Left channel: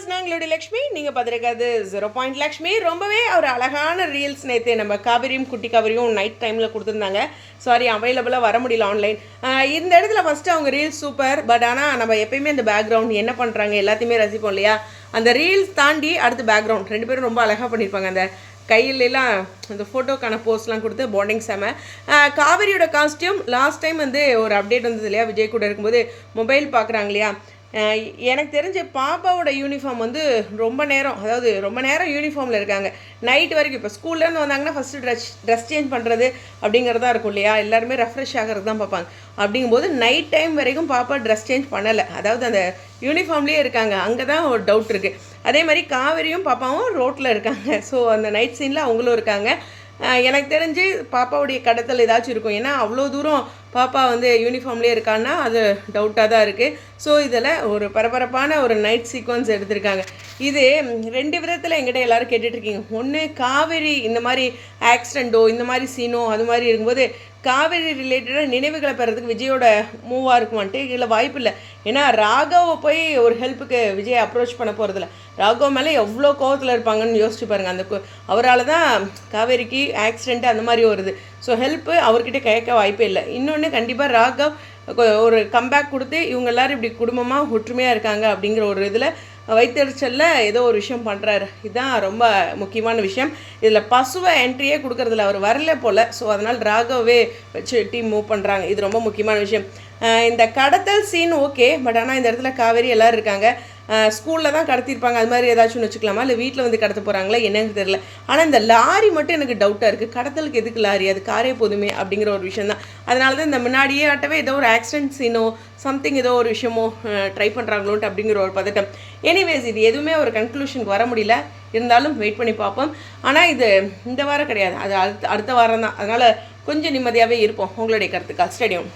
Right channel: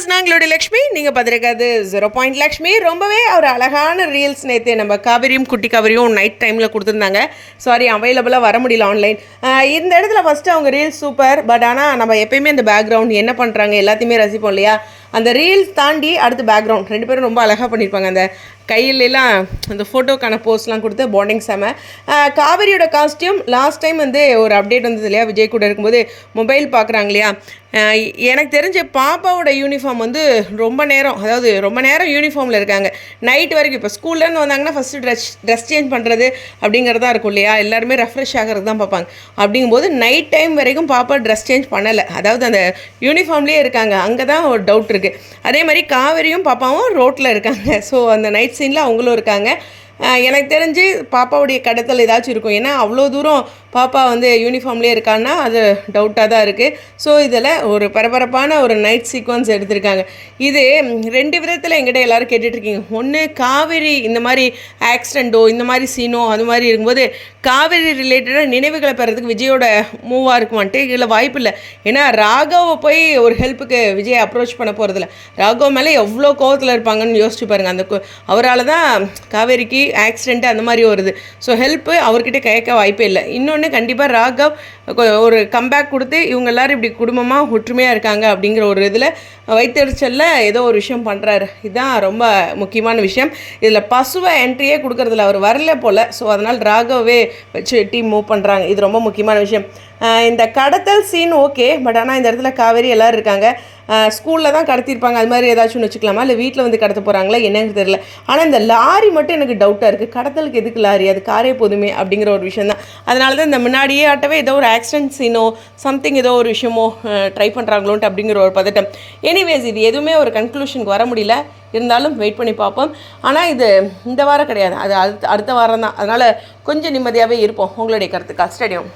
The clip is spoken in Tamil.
வியூவர்ஸ், நாங்களுடைய லக்ஷ்மி, நீங்கள் பார்த்துருக்காது 0 லக்ஷ்மி. ரொம்பவே ஒரு அழகான ரீல்ஸ் நேற்று நம்ம காவிரியும் குட்டி காவிரியும் நைட் டைமில் கொடுத்துருந்தாங்க. சாரி, அவைலபிளாக வர முடியல ஆன்லைன். இந்த இடத்துல ஃபஸ்ட்டு அவங்க ரீல்ஸ் சூப்பர். பட் ஆனால் நம்ம எப்பயுமே இந்த பேக்ரவுண்ட் என்ன பண்ணுறாங்க எல்லாத்தையுமே ரசிப்போம் இல்லையா? அந்த ரீல்ஸ் தாண்டி அடுத்து பேக்ரவுண்ட் ரெண்டு பேரும் ரொம்ப அழகாக பண்ணியிருப்பாங்க. அந்த கையிலலாம் அந்த ஃபோட்டோக்கான போஸ்ட்லாம் கொடுத்து பாண்டிங் செம. காவிரியோட காஸ்டியூம் லாஸ்ட் டைம் வந்து ஒரு அப்டேட் வந்தது இல்லையா, விஜய் கூட இருக்கும்போது மொபைல் பார்க்குறாங்க இல்லையா. எனக்கு தெரிஞ்ச பாப்பாவோட யூனிஃபார்ம் வந்து ரொம்ப நேரம் யூனிஃபார்மில் இருக்காங்க நைட் வரைக்கும். இப்போ ஸ்கூல்லேருந்து வந்தாங்கன்னா ஃபஸ்ட்டு ட்ரெஸ் சேஞ்ச் பண்ணுறது அப்படிங்கிறதா இருக்கும் இல்லையா, எல்லாருமே ரெஃப்ரெஷ் ஆகிறது தான் பார்ப்பாங்க. அப்படிங்கும்போது நைட் டைம் வரைக்கும் பாப்பா ட்ரெஸ் சேஞ்ச் பண்ணலை, அதாவது அந்த யூனிஃபார்ம்லேயே இருக்காங்க. அங்கே தான் ஒரு டவுட் இருக்குது. அதே மாதிரி காவிரியும் பாப்பாவும் ரோட்டில் இருக்காங்க. ஸோ அந்த நைட் சீனில் அவங்களும் இருக்காங்க. எனக்கு தெரிஞ்சு பாப்பாவுடைய கடத்தல் ஏதாச்சும் இருக்கும். ஏன்னா அவ்வளோ தூரம் பாப்பா வந்து யூனிஃபார்ம்லேயே இருக்கான்னா அது டவுட்டாக தான் இருக்குது. ஸோ இதில் ஒரு பரபரப்பான ஒரு நைட் சீக்வன்ஸ் எடுத்திருக்காங்க. இது ரெண்டு விதத்தில் எங்கிட்ட எல்லோரும் கேட்டுட்ருக்கீங்க. ஒன்று, காவேரி இந்த மாதிரி ஆக்சிடெண்ட்டோ இந்த மாதிரி சீனோ அது மாதிரி இருக்கும்போது காவேரி ரிலேட்டடாக நினைவுகளை பெறதுக்கு விஜயோட மூவாக இருக்குமான்ட்டு இதில் வாய்ப்பு இல்லை. ஏன்னா ராகவை போய் ஒரு ஹெல்ப்புக்கு விஜய் அப்ரோச் பண்ண போகிறதில்ல. ராகவ் மேலே எவ்வளோ கோவத்தில் இருப்பாங்கன்னு யோசிச்சு பாருங்கள். அந்த அவரால் தான் காவேரிக்கு ஆக்சிடெண்ட்டு அந்த மாதிரி வருது. ஸோ ஹெல்ப்பு அவர்கிட்ட கேட்க வாய்ப்பே இல்லை. இன்னொன்று, கண்டிப்பாக ராகவ் ஒரு கம்பேக் கொடுத்து இவங்க எல்லோரும் இப்படி குடும்பமாக ஒற்றுமையாக இருக்காங்க அப்படிங்கிற ஒரு இதில் வைத்தறிச்சலில் ஏதோ ஒரு விஷயம் பண்ணுறாரு. இதுதான் ரொம்ப முக்கியமான விஷயம். இதில் பசுவை என்ட்ரியே கொடுக்குறதில்ல, அவர் வரல போல். ஸோ அதனால் ராகவே வச்சு டீம் மூவ் பண்ணுறாங்க. இது ரொம்ப முக்கியமான விஷயம். இந்த கடத்தல் சீன் ஓகே, பட் ஆனால் இந்த இடத்துல காவேரி எல்லோரும் இருக்காங்க. ஸ்கூலில் தான் கடத்திருப்பாங்க, அது மாதிரி ஏதாச்சும் வச்சுக்கலாமா, இல்லை வீட்டில் வந்து கடத்த போகிறாங்களா என்னன்னு தெரியல. ஆனால் இந்த லாரி மட்டும் எனக்கு டவுட்டாக இருக்குது. கடத்தலுக்கு எதுக்கு லாரி, அது காரே போதுமே அப்படிங்கிற ஒரு விஷயம் தான். அதனால தான் இந்த முன்னாடியே ஆட்டவே ஏதோ ஒரு ஆக்சிடென்ட் சீனோ சம்திங் ஏதோ ஒரு விஷயமோ ட்ரை பண்ணுறாங்களோன்ட்டு அப்படிங்கிற ஒரு பதட்டம். எனிவேஸ், இது எதுவுமே ஒரு கன்க்ளூஷனுக்கு வர முடியல. இருந்தாலும் வெயிட் பண்ணி பார்ப்போம். ஆனால் இது இந்த வாரம் கிடையாது, அது அடுத்த வாரம் தான். அதனால் கொஞ்சம் நிம்மதியாகவே இருப்போம். உங்களுடைய கருத்துக்கா ஸ்டேடியம்.